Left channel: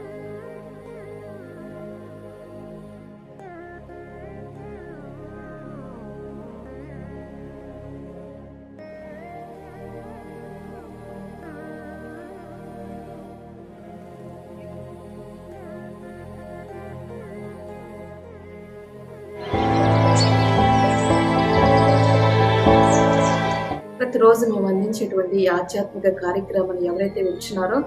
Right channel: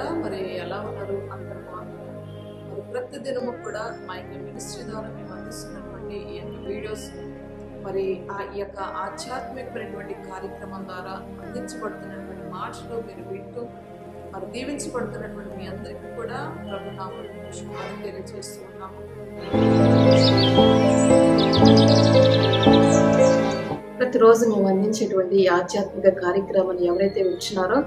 బిడ్డలారా, మరి ఎలా ఉన్నారు? అందరూ బాగున్నారు. మరి ప్రతి దినము కూడా మా యొక్క మినిస్ట్రీ ద్వారా మేము అందిస్తున్నటువంటి ఈ యొక్క వీడియోస్, మరి ఈ యొక్క ఆధ్యాత్మికమైనటువంటి కార్యక్రమం ద్వారా అందించబడుతున్నటువంటి మాటలు మీరు వింటూ మరి దీవించబడుతున్నటువంటి మీ అందరికీ కూడా ప్రభు నామములో శుభాలు తెలియజేస్తూ ఉన్నాము. ప్రతిరోజు మేము అందించేటువంటి ఈ ఆధ్యాత్మిక కార్యక్రమాన్ని ఎవరైతే వింటున్నారో,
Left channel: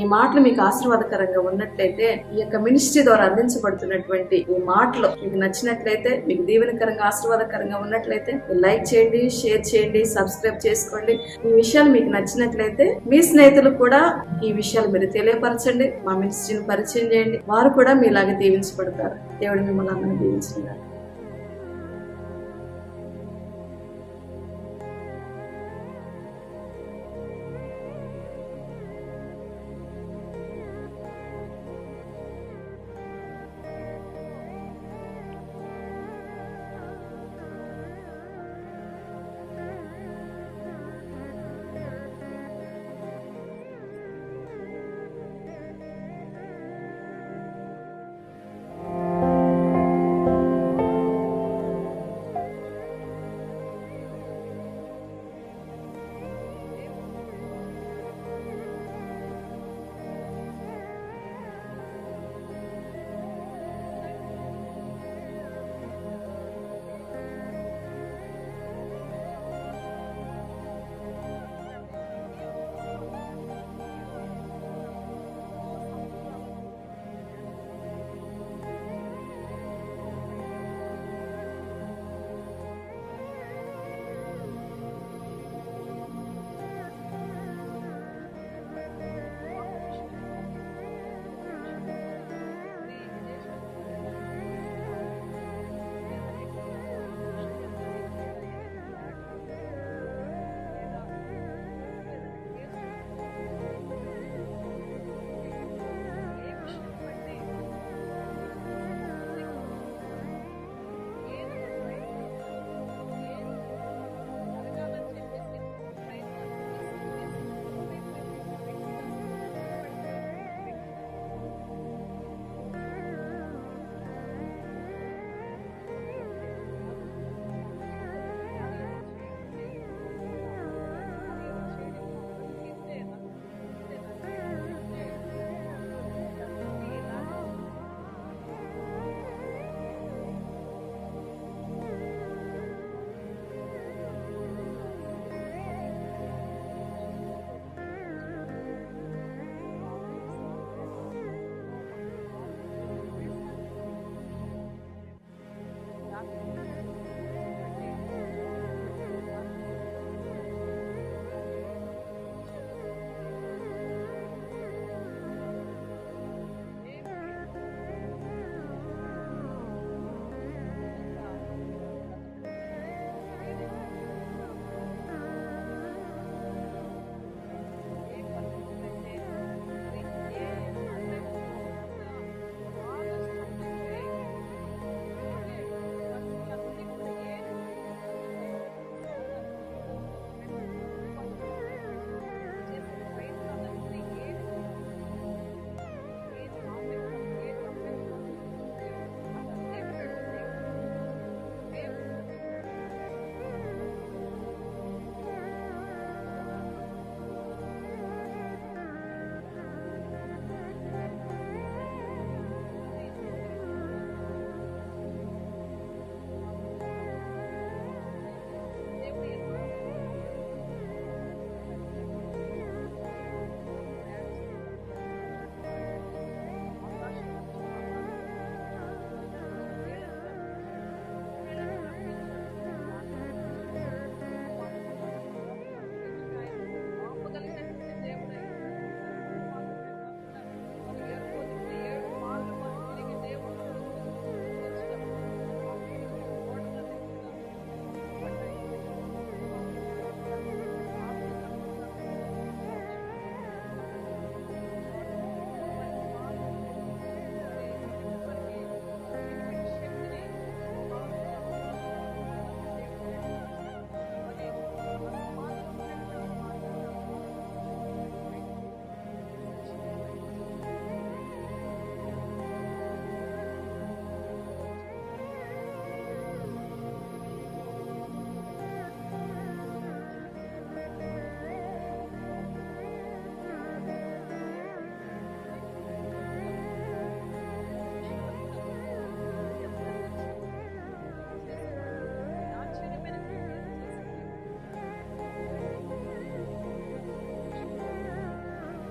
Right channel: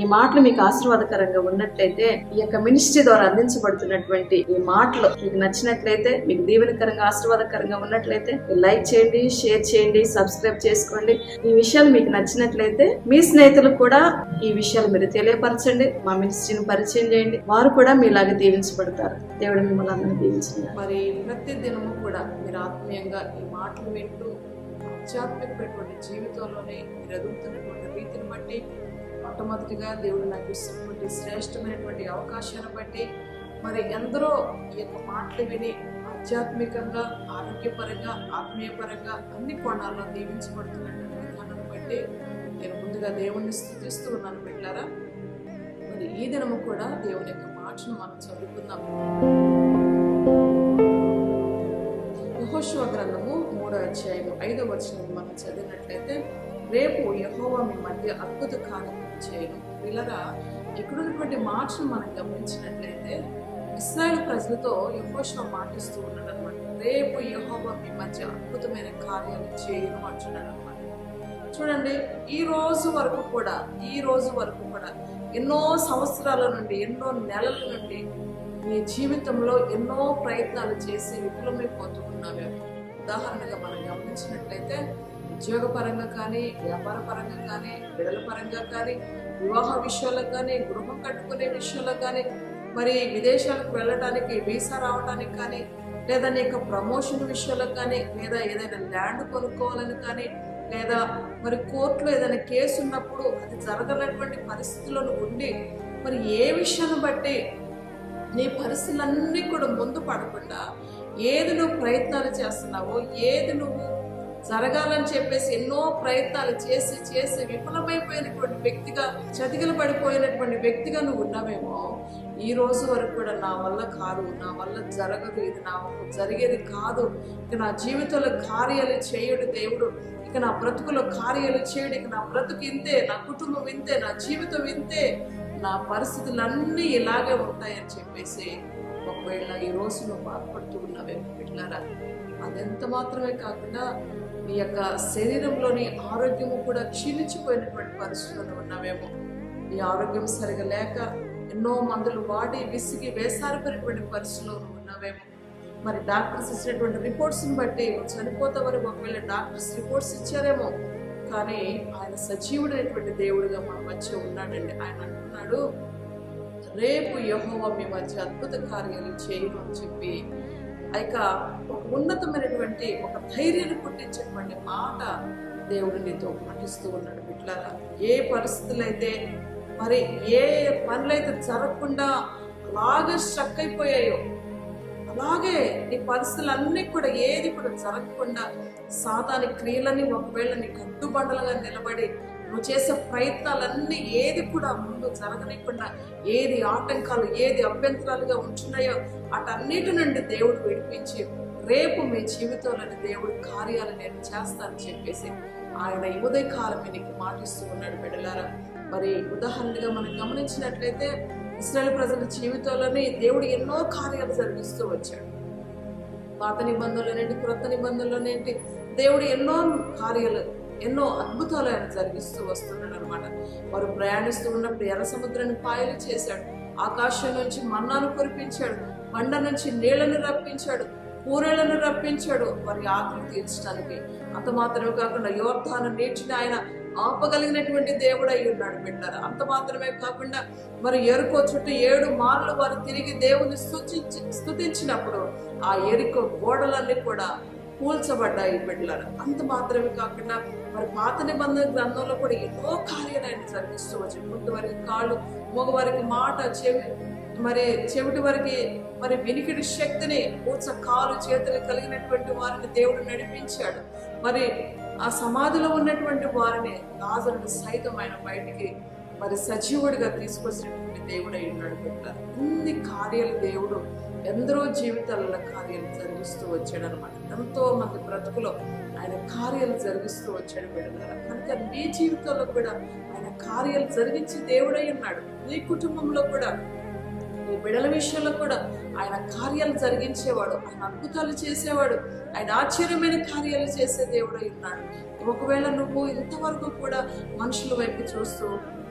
ఈ మాటలు మీకు ఆశీర్వాదకరంగా ఉన్నట్లయితే, ఈ యొక్క మినిస్ట్రీ ద్వారా అందించబడుతున్నటువంటి ఈ మాటలు మీకు నచ్చినట్లయితే, మీకు దీవెనకరంగా ఆశీర్వాదకరంగా ఉన్నట్లయితే లైక్ చేయండి, షేర్ చేయండి, సబ్స్క్రైబ్ చేసుకోండి. ఈ విషయాలు మీకు నచ్చినట్లయితే మీ స్నేహితులకు కూడా ఈ విషయాలు మీరు తెలియపరచండి. మా మినిస్ట్రీని పరిచయం చేయండి, వారు కూడా మీలాగే దీవించబడతారు. దేవుడు మిమ్మల్ని అందరినీ దీవించండి. మరి ప్రతి దినము కూడా మీరు ఆత్మీయంగా ఈ మాటలు వింటూ ఆధ్యాత్మికమైనటువంటి జీవితంలోనే మీరు ఎదుగుతున్నటువంటి రీతిని బట్టి, మొట్టమొదటిగా దేవుడు నాకు ఇస్తున్నటువంటి శ్రేష్టమైనటువంటి అవకాశాన్ని బట్టి, మరి ఎందరో ఈ యొక్క మాటలు విని ఆధ్యాత్మికంగా, ఆరోగ్యపరంగా, ఆత్మీయపరంగా అన్ని కోణాల్లో దీవించబడుతున్నటువంటి విధానాన్ని బట్టి నేను ముందుగా దేవుణ్ణి స్తుతిస్తూ ఉన్నాను. బిడ్డలారా, మరి ఈ దినము కూడా దేవుని యొక్క మాటను మనం చదువుకుందాం. యెహోషువ గ్రంథము 3వ అధ్యాయం 5వ వచనం మనం చదివినట్లయితే, రేపు యెహోవా మీ మధ్య అద్భుత కార్యక్రమం చేయను. పిల్లరా, ఇక్కడున్నటువంటి మాటను మనం గమనించినట్లయితే ఇశ్రాయేలు ప్రజలతో యెహోషువ మాటిస్తూ ఉన్నాడు అనమాట. రేపు యెహోవా మీ మధ్య అద్భుతమైన కార్యాలు చేయను అంటున్నాడు అనమాట. చూడండి, ఈ రోజు వరకు కూడా ఎన్నో సంవత్సరాల నుండి, ఎన్నో నెలల నుండి నీ జీవితంలో ఎన్నో ప్రయత్నాలు చేసి విఫలమైపోతూ ఉన్నావేమో. ఉదాహరణగా మనం గమనించినట్లయితే, ఉద్యోగపరంగా కానీ, వ్యాపార పరంగా కానీ, బిడ్డల పరంగా కానీ, వివాహ విషయాల్లో కానీ, గృహం కట్టుకునే విషయంలో కానీ, మరి విదేశాలకు వెళ్ళడానికి వీసా రావడానికి కానీ, లేదా నీ యొక్క ప్రమోషన్ విషయాలకు కానీ, లేదా ఏదైనా ల్యాండ్ కొనుక్కోవాలని కానీ, లేదా మరి కోర్టులో ఏదైనా కేసు ఉన్నప్పుడు అది జరగనటువంటి పరిస్థితులను ఉండి, మరి ఏ విషయాన్ని బట్టి నీ పరిస్థితులన్నీ కూడా ముందు పడకుండా ఏది నువ్వు ప్రయత్నాలు చేస్తున్నావో, ఏది నువ్వు జరగాలని చెప్పేసి ఎన్నో ప్రయత్నాలు చేసి చేసి విఫలమైపోయినటువంటి వ్యక్తిగా, చతికిల పడిపోయినటువంటి వ్యక్తిగా నువ్వు ఉన్నావేమో. ఈ రోజు వరకు కూడా నా వల్ల కాదు, నా వల్ల జరగదు, ఇది నా జరిగేది కాదు, ఇక నా జీవితంలో కార్యాలు చేయడు దేవుడు, ఇక నా బ్రతుకులో కార్యాలు చేయడు, ఇక నా బ్రతుకు ఇంతే, నా కుటుంబం ఇంతే, నా జీవితం ఇంతే, నా పరిస్థితులన్నీ ఇలాగే ఉంటాయని చెప్పేసి ఒకవేళ ఈ రోజు నువ్వు బాధపడుతూ ఉన్నావేమో. బిడ్డలారా, అదెంత మాత్రమే కాకుండా నీ యొక్క శరీరంలోని ఆరోగ్యము కూడా క్షీణించిపోయినటువంటి పరిస్థితుల్లో ఉన్నావేమో. ఈ ఆరోగ్యం సరిగా లేక ఎన్నో మందులు వాడి విసిగి వేసారిపోయినటువంటి పరిస్థితుల్లో ఉన్నావేమో. మరి డాక్టర్స్ ఇచ్చినటువంటి రిపోర్ట్స్ని బట్టి చనిపోతే వరకు ఒకవేళ డాక్టర్స్ రిపోర్ట్స్ ఇచ్చారేమో, కానీ ఆయన సజీవుడైనటువంటి దేవుడిగా మన మధ్య ఉన్నాడండి. ఆయన అంటున్నాడు, రేపు యెహోవా మీ మధ్య అద్భుత కార్యాలు చేయను అని చెప్పి ఇక ఉన్నతమైనటువంటి ఒక ధైర్యాన్ని పుట్టించేటువంటి మాట దేవుడు నీతో మాటిస్తూ ఉన్నాడు. బిడ్డలారా, ఏ పరిస్థితులు అయితే, మరి ఏ పనులైతే జరగకుండా అలాగే స్ట్రక్ అయిపోయాయో, అలాగే నీ పరిస్థితులన్నీ కూడా ఏది కూడా జరగకుండా సాతాని క్రియలని ఒకవేళ నీ కట్టుబండలుగా నిలబడి నువ్వు చేసే ప్రయత్నాలన్నీ ఏది కూడా ముందు జరగనికుండా, ఏది ఆటంకాలు, ఏది అభ్యంతరాలుగా ఉంటున్నాయో అటన్నిటి నుండి దేవుడు విడిపించి రేపు మీ జీవితంలోని దేవుడు కార్యాలు నేను చేస్తానని చెప్పేసి ఆయన ఉదయకాలమే నీకు మాటిస్తూ ఉన్నాడు. బిడ్డలారా, మరి ఉదాహరణగా మనం గమనించినట్లయితే ఇశ్రాయేలు ప్రజల జీవితంలోనే దేవుడు ఎన్నో కార్యాలు జరిగిస్తూ వచ్చాడు. పాత నిబంధనలోనేంటి, క్రొత్త నిబంధనలోనేంటి, దేవుడు ఎన్నో కార్యాలు, ఎన్నో అద్భుతాలు ఆయన జరిగిస్తూ వస్తున్నాడు అనమాట. వారు ప్రయాణిస్తూ ఉన్నప్పుడు ఎర్ర సముద్రాన్ని పాయలు చేశాడు, ఆకాశం నుంచి మన్నాను కురిపించాడు, బండ నుంచి నీళ్లను రప్పించాడు, పూరేళ్లను రప్పించాడు వారి ఆకలి తీర్చడానికి. అంత మాత్రమే కాకుండా యోర్దాను నీటిని ఆయన ఆపగలిగినటువంటి దేవుడు అయి ఉన్నాడు. బిడ్డారా, అంత మాత్రమే కాకుండా మరి ఎరుకో చుట్టూ 7 మార్లు వారు తిరిగి దేవుని స్తుతించినప్పుడు ఆ ఎరుకో గోడలన్నీ కూడా కూల్చబడ్డాయి. బిడ్డలారా, అంత మాత్రమే కాకుండా మరి పాత నిబంధన గ్రంథంలో కూడా ఎన్నో కార్యాలు ఆయన జరిగిస్తూ వచ్చాడు. ముందు వారికి కాళ్ళు, మగవారికి మాట, చెవిటి వారికి మరి వినికిడి శక్తిని, పూచ కాలు చేతులు కలిగినటువంటి వారిని దేవుడు నడిపించాడు. మరి ఆ సమాధిలో ఉన్నటువంటి వారిని, లాజరుని సైతం ఆయన బయటికి మరి సజీవుడిగా తీసుకొచ్చినటువంటి దేవుడు అయి ఉన్నాడు బిడ్డలారా. ఇన్ని కార్యాలు దేవుడు ఎందరో జీవితాలలో కార్యాలు జరిగిస్తూ వచ్చాడు అనమాట. ఎంతో మంది బ్రతుకులో ఆయన కార్యాలు జరిగిస్తూ వచ్చాడు బిడ్డలారా. కనుక నీ జీవితంలో కూడా ఆయన కార్యాలు జరిగించి దేవుడై ఉన్నాడు. నీ కుటుంబంలో కూడా, నీ బిడ్డల విషయంలో కూడా ఆయన కార్యాలు జరిగించేవాడు, ఆయన అద్భుతాలు చేసేవాడు, ఆయన ఆశ్చర్యమైన కార్యాలు చేసే దేవుడై ఉన్నాడు. ఒకవేళ నువ్వు ఇంతవరకు కూడా మనుషుల వైపు చూస్తూ,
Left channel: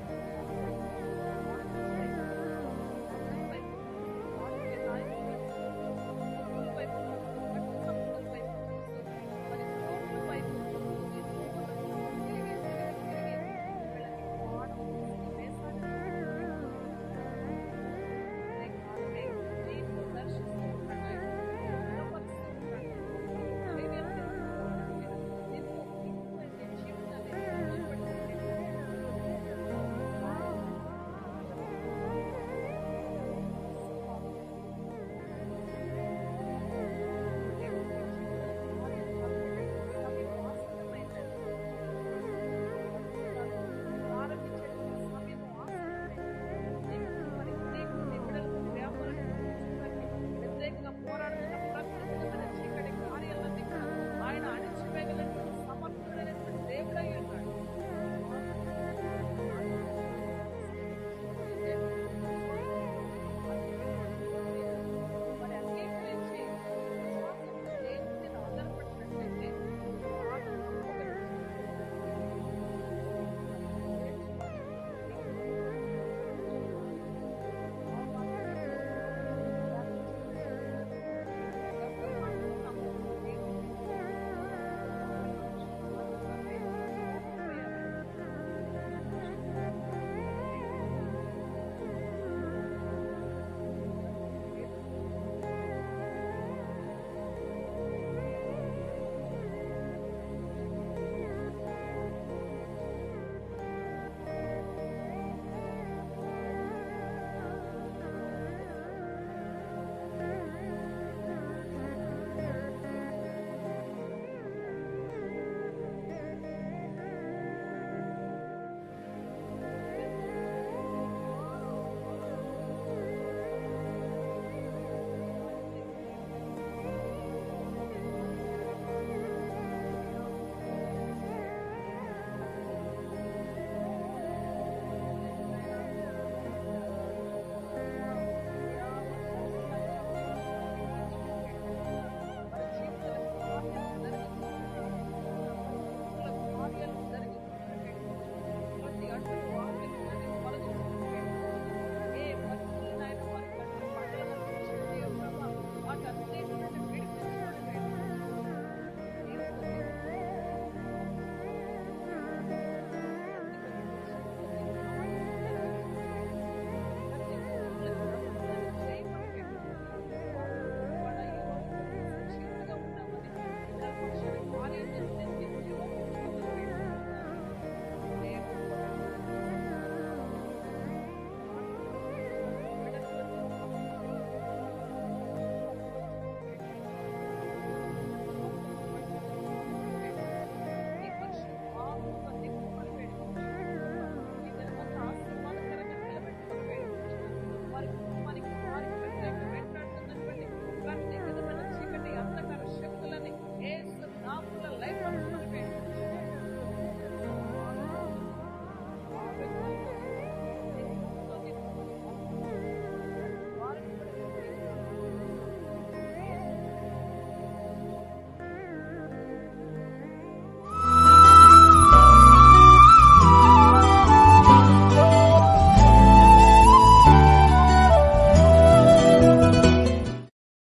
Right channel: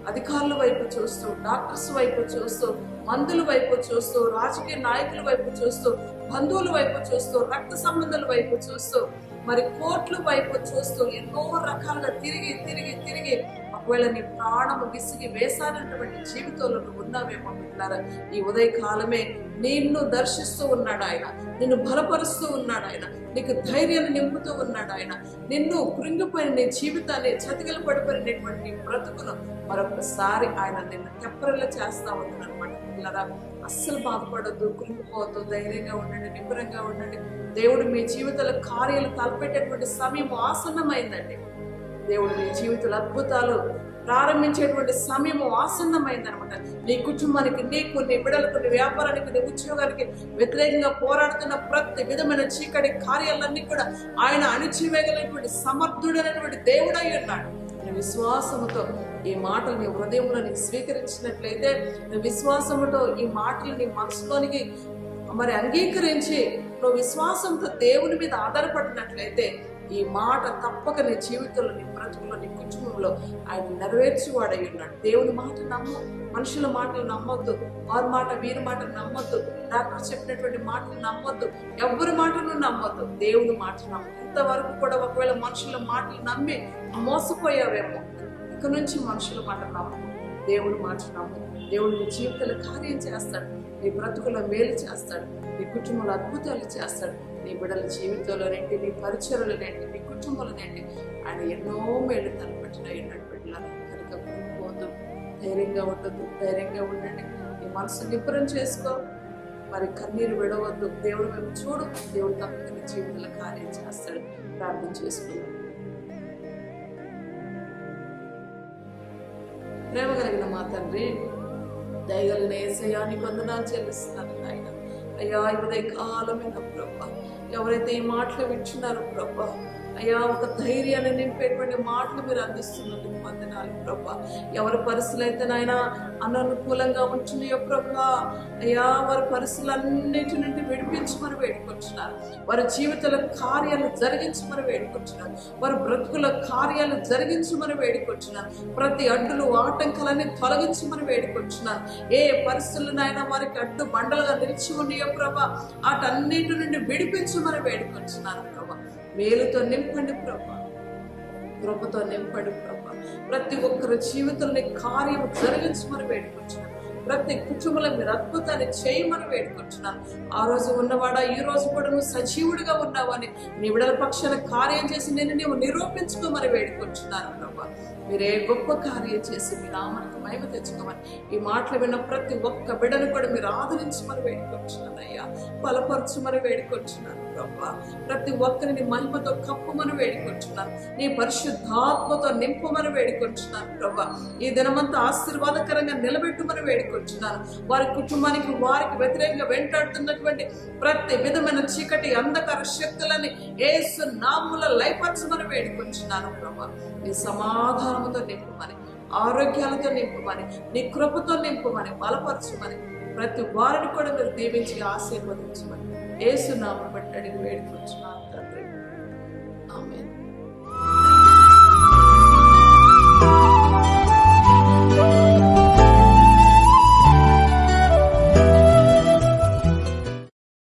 అధికారుల వైపు చూస్తూ, డాక్టర్స్ వైపు చూస్తూ, మందుల వైపు చూస్తూ, రాజకీయ నాయకుల వైపు చూస్తూ, బంధువుల వైపు చూస్తూ, రక్త సంబంధాల వైపు చూస్తూ, మరి కోర్టుల వైపు చూస్తూ ఎన్నో రకాలుగా తిరిగి తిరిగి తిరిగి ఒకవేళ నీ ప్రాణము విసిగి వేసానటువంటి జీవితంలో నువ్వు ఉన్నావేమో పిల్లారా. ఈ ఉదయకాలమే నిన్ను దర్శిస్తూ ఉన్నాడు ఆయన, నిన్ను బలపరుస్తూ ఉన్నాడు ఆయన, నీకు ధైర్యాన్ని నింపుతూ ఉన్నాడు ఆయన. నిన్ను కృంగిపోయిన నీ జీవితాన్ని, చతికిల పడిపోయినటువంటి బ్రతుకును మరొకసారి ఆయన నిన్ను తెప్పరిలా చేస్తా ఉన్నాడు అనమాట పిల్లరా. అస్సలు బాధపడద్దు, కృంగిపోవద్దు, ధైర్యంగా ఉండండి, నిబ్బరంగా ఉండండి. దేవుడు మీ జీవితాల కార్యాలు తలపెట్టేటువంటి సమయం ఆసన్నమైందండి. దేవుడు నీ జీవితాల అద్భుతాలు ప్రారంభించేటువంటి సమయం ఆసన్నమైంది అనమాట. నీ కుటుంబానికి, నీకు, నీ బిడ్డలకు, నీ వ్యాపారానికి, నీ ఉద్యోగానికి వ్యతిరేకంగా పోరాడుతున్న ప్రతి విధమైన చీకటి కార్యాలన్నీ కూడా ఆయన అణిచివేయగలిగినటువంటి సమర్థుడైనటువంటి దేవుడై ఉన్నాడు. విశ్వాసముతో ఈ మాటలు నీ హృదయంలో నీ స్వీకరించినట్లయితే, నువ్వు విశ్వాసముతో ఈ మాటలు నీ మనసులోనికి మరి అంగీకరించి నువ్వు విశ్వాసంతో దేవుని మీద ఆధారపడినట్లయితే ఈ మాట తప్పక నీ జీవితంలో, నీ బ్రతుకులో, నీ కుటుంబంలో ఆయన నెరవేర్చువాడై ఉన్నాడు. దేవుని మాట నమ్ము, మనుషుల మాటలు నమ్మొద్దు, వారి మాట వీరి మాటలు నమ్మొద్దు, డాక్టర్ చెప్పినటువంటి మాటలు నమ్మొద్దు, ఎవరి మాటలు నమ్మొద్దు, దేవుని మాట నమ్ము. ఇంతవరకు కూడా ఒకవేళ మనుషుల మాటలు నమ్మి మోసపోయావేమో, ఇక నుంచి మనుషుల మాట నమ్ము, దేవుడి మాట నమ్ము. దేవుడు నీ జీవితంలో కార్యం చేస్తాడు, నీ బ్రతుకులో మేలు చేస్తాడు, నీ కుటుంబంలో అద్భుతాలు చేస్తాడు. నీ బిడ్డల జీవితంలో నేంటి, నీ పరిచయలు నేంటి, నీ కుటుంబంలో నేంటి ఆయన ఎన్నో మేలు తలపెట్టినట్టు బిడ్డలారా. కనుక పోదు, ధైర్యంగా ఉండదు, ధైర్యంగా ఉండండి. నీ మనసు నిబ్బరం చేసుకో, మరి కన్నీరు విడవద్దు. దేవుడు మేము చూడు, దేవుడు తప్పక నీ జీవితంలో కార్యం చేస్తాడు. ప్రార్థన చేసుకుంటాం. ప్రేమ కలిగిన మా తండ్రి, దయగలిగిన యేసయ్యా నీకు వందనాలు చెల్లిస్తున్నాను ఆయన. అయ్యా ఈ ఉదయకాలమైన ప్రభా, ఎవరైతే ఈ మాటలు వింటున్నారో ప్రభా, అయ్యా ఒక ధైర్యాన్ని నింపేటువంటి మాటలు మీరు అందిస్తున్నారు. వందనాలు ప్రభా. ఎవరి పరిస్థితులు అయితే నాయన అననుకూలంగా ఉంటున్నాయో ప్రభా, అయ్యా వారి పరిస్థితులన్నిటి నుండి విడిపించమని వేడుకొచ్చున్నారు. వారి జీవితాల కార్యాలు జరిగించమని వేడుకొచ్చున్నారు. వారి బ్రతుకుల కార్యాలు జరిగించమని వేడుకొచ్చున్నారు. ప్రతి అడ్డులు, ఆటంకాలన్నీ తొలగించమని వేడుకొచ్చున్నారు. ఏ పరిస్థితులనైనా వారికి అడ్డు బండలుగా నిలిచి ఉన్నాయో ప్రభా, వాటన్నిటి నుండి విడిపించమని వేడుకొచ్చున్నారు ప్రభా. మేలుతో నింపండి ప్రభా, కృపతో నింపండి ప్రభా. ప్రతి ఒక్కరి జీవితంలో కార్యం జరిగించమని వేడుకొచ్చున్నాను. ప్రతి కుటుంబంలో మీరు అద్భుతాన్ని చేయమని వేడుకొచ్చున్నాను. ఆ రోజు ఉన్నవాడా ఈ రోజు కూడా నువ్వు సజీవుడిగా ఉన్నావని నీ విడల పక్షాన కార్యం చేసి నేను నీవు నిరూపించుకోమని వేడుకొచ్చున్నాను ప్రభా. మీరే గొప్ప కార్యం చేసి మీ నామానికి మహిమ తెచ్చుకోమని ఈ మాటలు విన్న ప్రతి ఒక్క బిడ్డను కూడా మీరు ఆదరించమని వేడుకొచ్చున్నాను అయ్యా. బలపరచుమని వేడుకొచ్చున్నాను ప్రభా. ప్రతి ఒక్కరిని మహిమతో కప్పమని వేడుకొచ్చున్నాను. నీ పరిశుద్ధాత్మతో నింపమని వేడుకొచ్చున్నాను ప్రభా. ఈ దినమంతా ఆశీర్వాదకరంగా నిలబెట్టుమని వేడుకొచ్చున్నాను. వారి కుటుంబానికి, వారికి వ్యతిరేకంగా వెంటాడుతున్నటువంటి ప్రతి విధమైన చీకటి అంధకార శక్తులని యేసు నామములో లయపరచమని వేడుకొచ్చున్నాను ప్రభా. నీ సమాధానముతో నింపమని, ఆరోగ్యాలతో నింపమని, నీ కృపతో నింపమని, బలపరచమని, ప్రతి వారిని కూడా మీరు దీవించి ఆశీర్వదించమని యేసు నామములో వేడుకొచ్చున్నాను.